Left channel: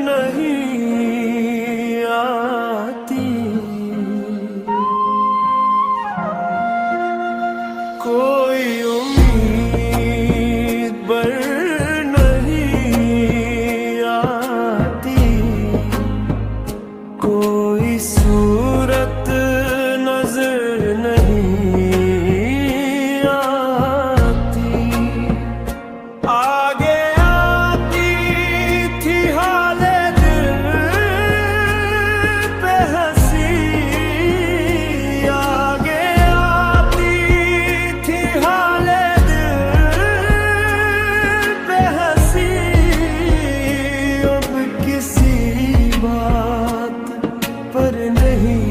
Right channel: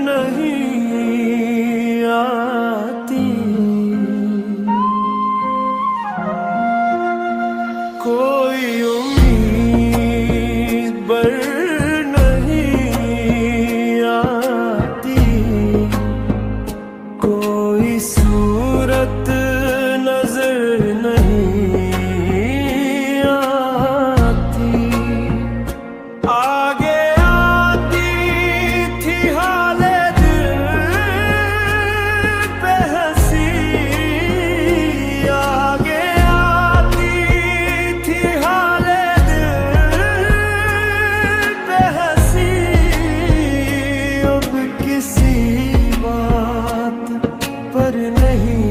नहीं आती, कोई उम्मीद बर नहीं आती, कोई सूरत नजर नहीं आती। आगे आती थी हाले दिल पे हंसी, आगे आती थी हाले दिल पे हंसी, अब किसी बात पर नहीं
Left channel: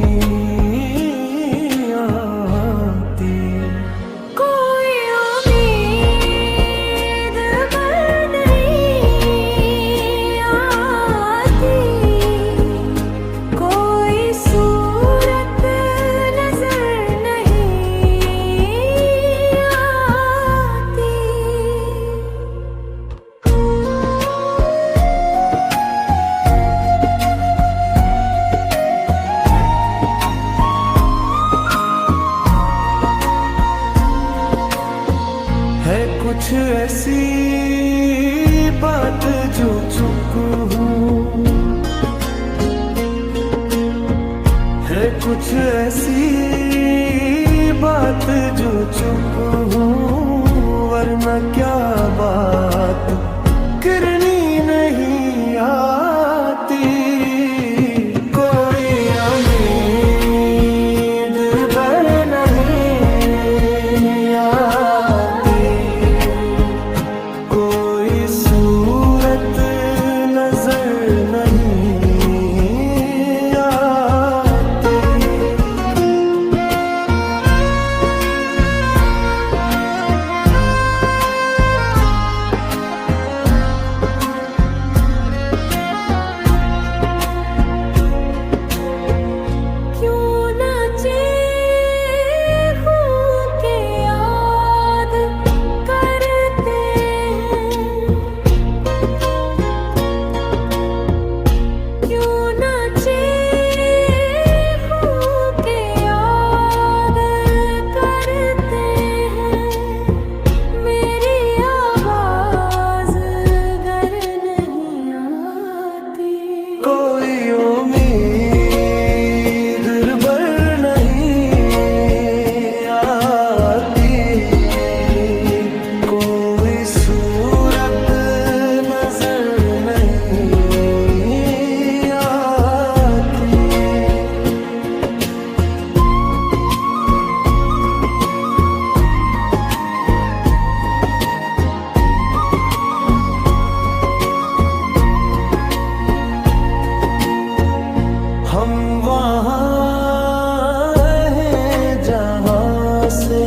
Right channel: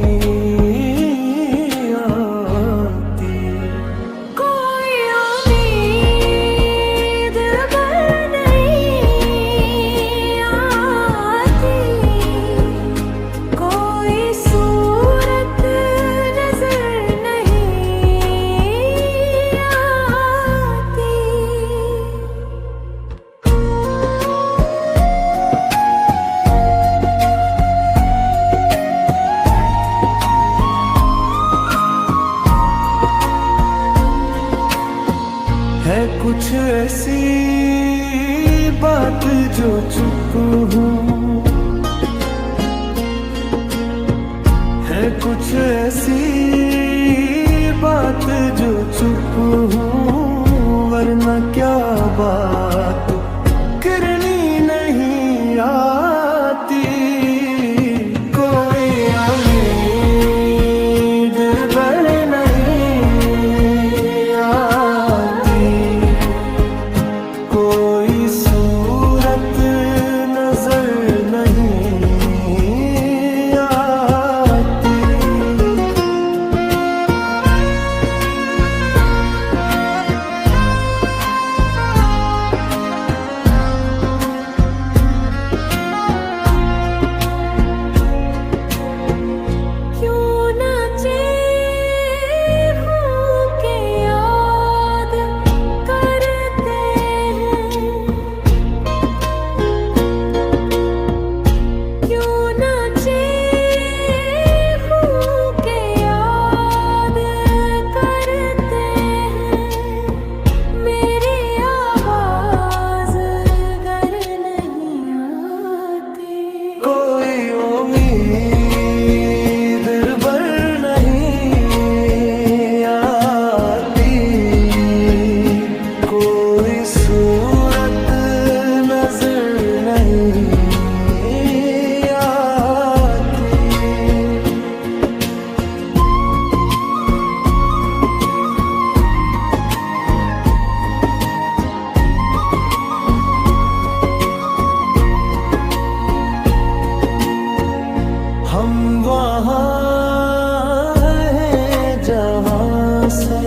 आती, कोई उम्मीद पर नहीं आती, कोई सूरत नजर नहीं आती। है कुछ ऐसी बात जो चुप हूँ, है कुछ ऐसी बात जो चुप हूँ, वरना क्या बात करनी नहीं आती, कोई उम्मीद बर नहीं आती, कोई सूरत नजर नहीं आती। क्यों नाचे हूँ के याद करते हैं, क्यों नाचे हूँ के याद करते हैं, मेरी आवाज गर नहीं आती, कोई उम्मीद बर नहीं आती, कोई सूरत नजर नहीं आती। हम वहाँ हैं जहाँ से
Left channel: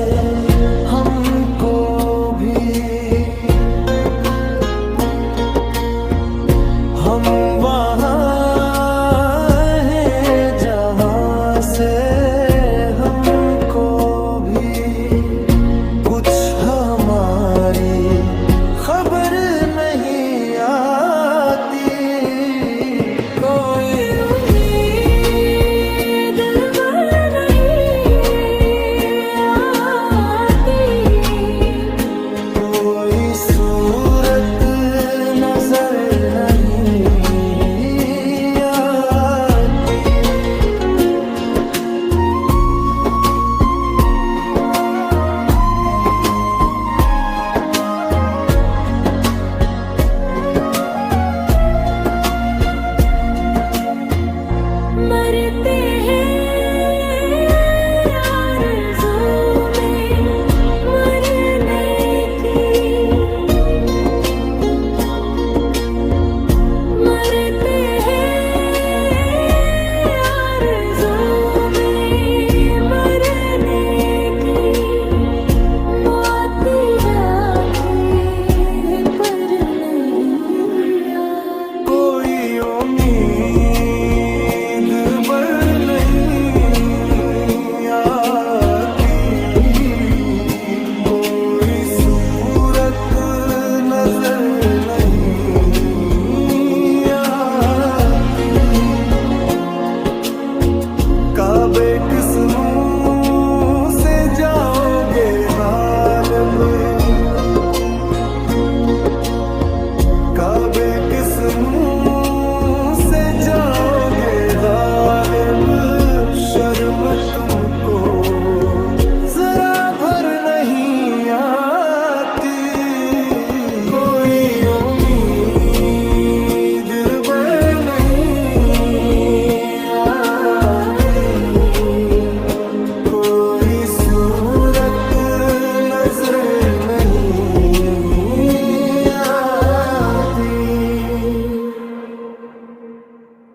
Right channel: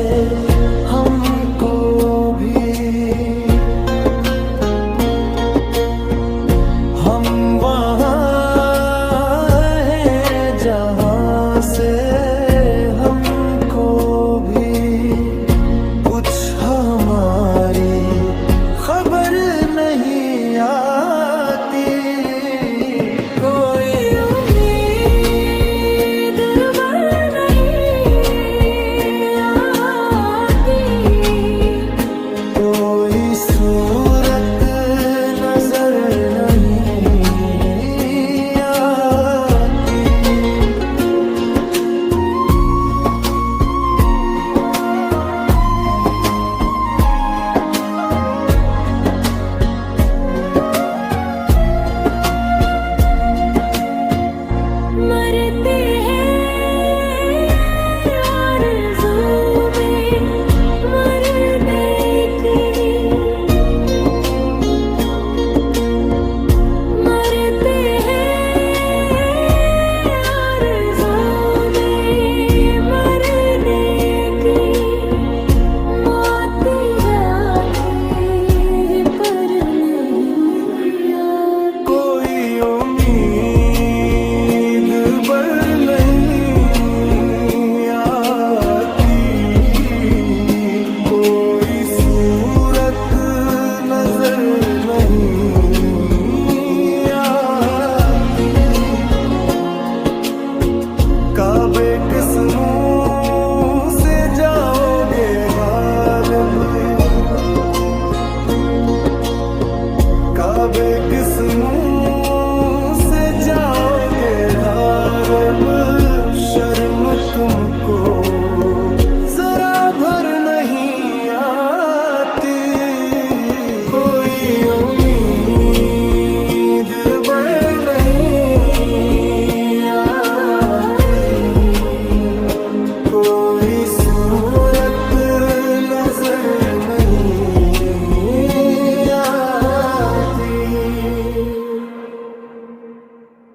हमको भी, हम वहाँ हैं जहाँ से हमको भी, कुछ हमारी खबर नहीं आती, कोई उम्मीद बर नहीं आती, कोई सूरत नजर नहीं किस मुंह से जाओगे गालिब, काबे किस मुंह से जाओगे गालिब। शर्म तुमको जरा भर नहीं आती।